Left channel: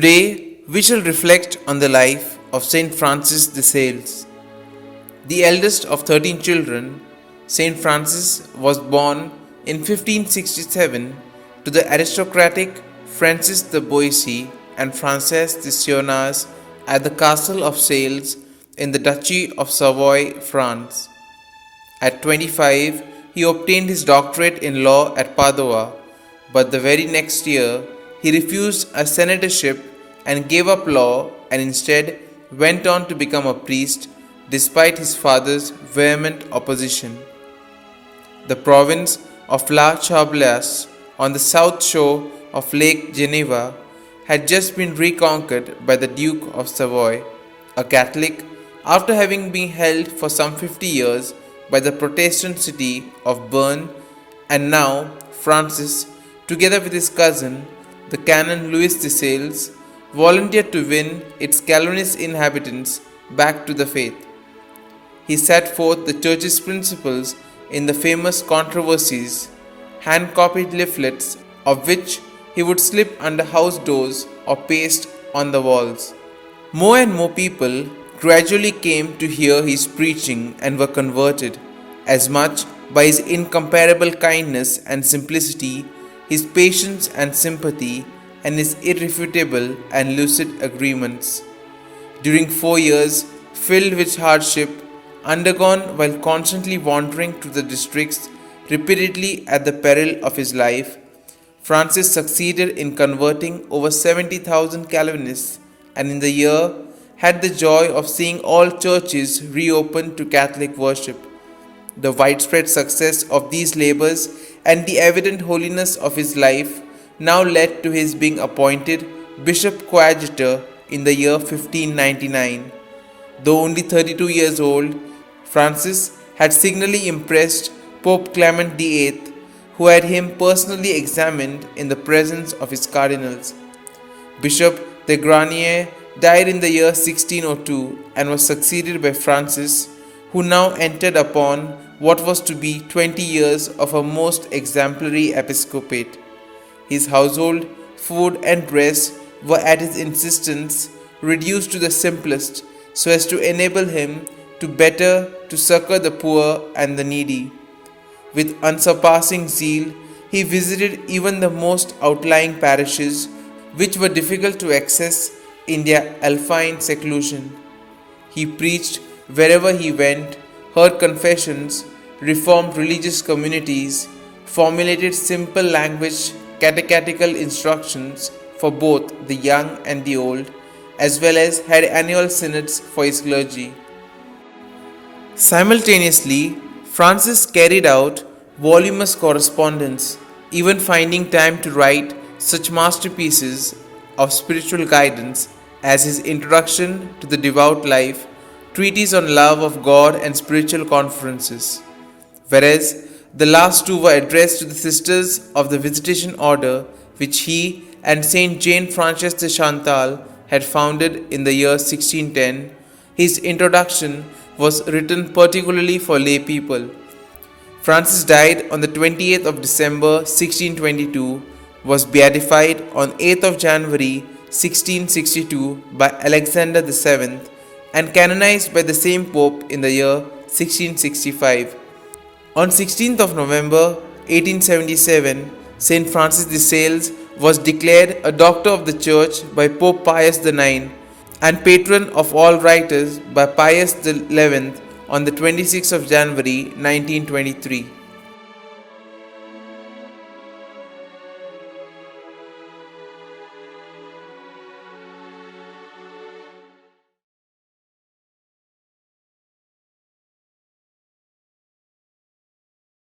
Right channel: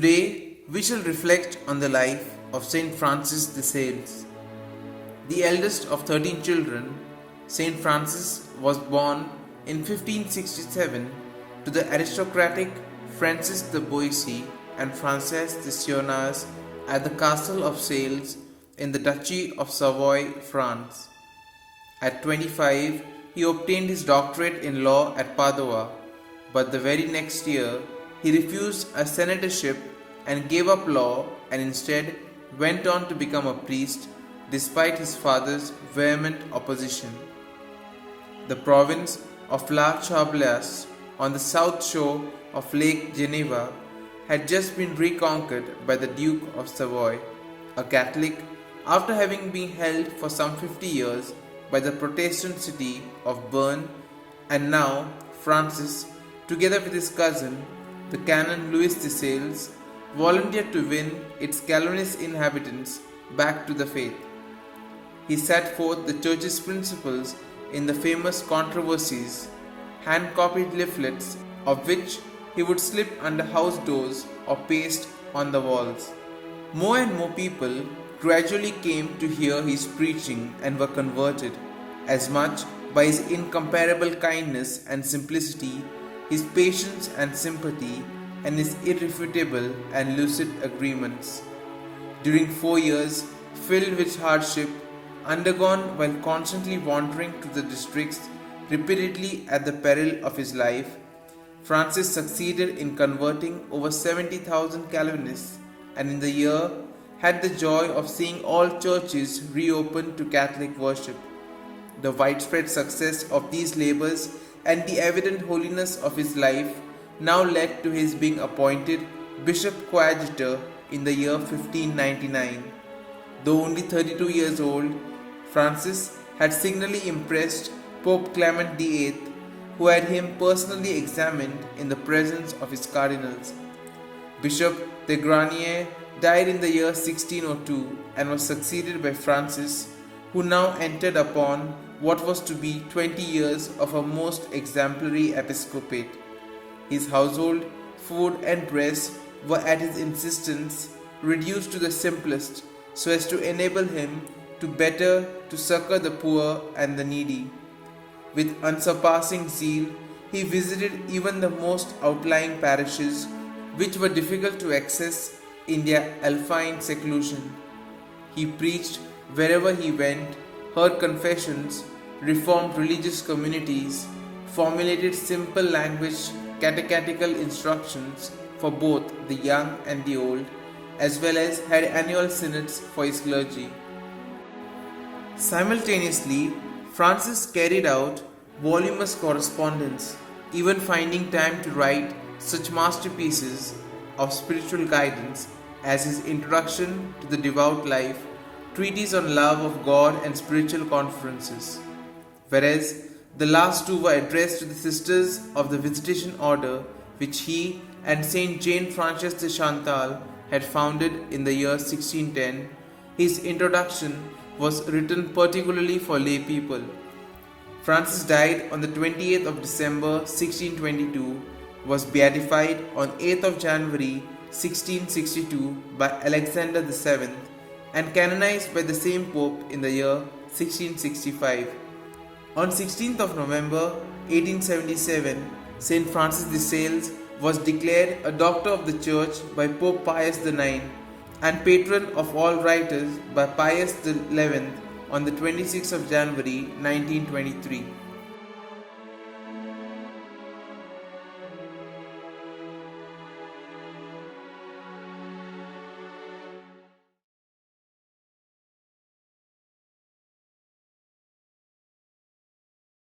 Today, we shall reflect on the life of Saint Francis de Sales. The eldest of 13 children, Saint Francis was born in 1567 to the aristocratic Francis de Boissy and Frances de Sionas at the Castle of Sales in the Duchy of Savoy, France. At 25, he obtained his doctorate in law at Padua, but the very next year he refused a senatorship and gave up law and instead went on to become a priest despite his father's vehement opposition. The province of La Chablaise on the south shore of Lake Geneva had just been reconquered by the Duke of Savoy, a Catholic, after having been held for some 50 years by the Protestant city of Bern, and now Francis, together with his cousin, the Canon Louis de Sales, volunteered to win its Calvinist inhabitants back to the faith. He set forth the Church's principles in the famous controversies, hand-copied leaflets of which he would slip under house doors or paste on the walls. More and more people gradually came to hear his preaching and were converted, as much by his incomparable kindness and simplicity, his patience and sympathy, and his irrefutable and lucid agreements. During 4 years filled with hardship, undergone while constantly wandering to the districts repeatedly at the peril of his life, Francis succeeded in converting over 70,000 Calvinists, and in the year had the joy of seeing all churches reopened to Catholic worship. The widespread success of these labors and the evident holiness of his life now led to his being appointed Bishop Coadjutor in the year 1599. Though only 32 years old, Francis had signally impressed Pope Clement VIII, who had him personally examined in the presence of his cardinals. Bishop de Granier died in the year 1602 and was succeeded by Francis, who now entered upon what was to be 20 years of a most exemplary episcopate. His household, food and dress were at his insistence reduced to the simplest so as to enable him to succor the poor and the needy. With unsurpassing zeal, he visited even the most outlying parishes which were difficult to access in their alpine seclusion. He preached wherever he went, heard confessions, reformed religious communities, formulated simple language catechetical instructions for both the young and the old, as well as had annual synods for his clergy. Simultaneously, Francis carried out voluminous correspondence, even finding time to write such masterpieces of spiritual guidance as his Introduction to the Devout Life, Treatise on Love of God and Spiritual Conferences, whereas the last two were addressed to the Sisters of the Visitation Order, which he and Saint Jane Frances de Chantal had founded in the year 1610. His introduction was written particularly for lay people. Francis died on the 28th of December 1622, was beatified on 8th of January 1662 by Alexander VII, and canonized by the same Pope in the year 1665. On 16th of November 1877, Saint Francis de Sales was declared a Doctor of the Church by Pope Pius IX and Patron of all writers by Pius XI on the 26th of January 1923.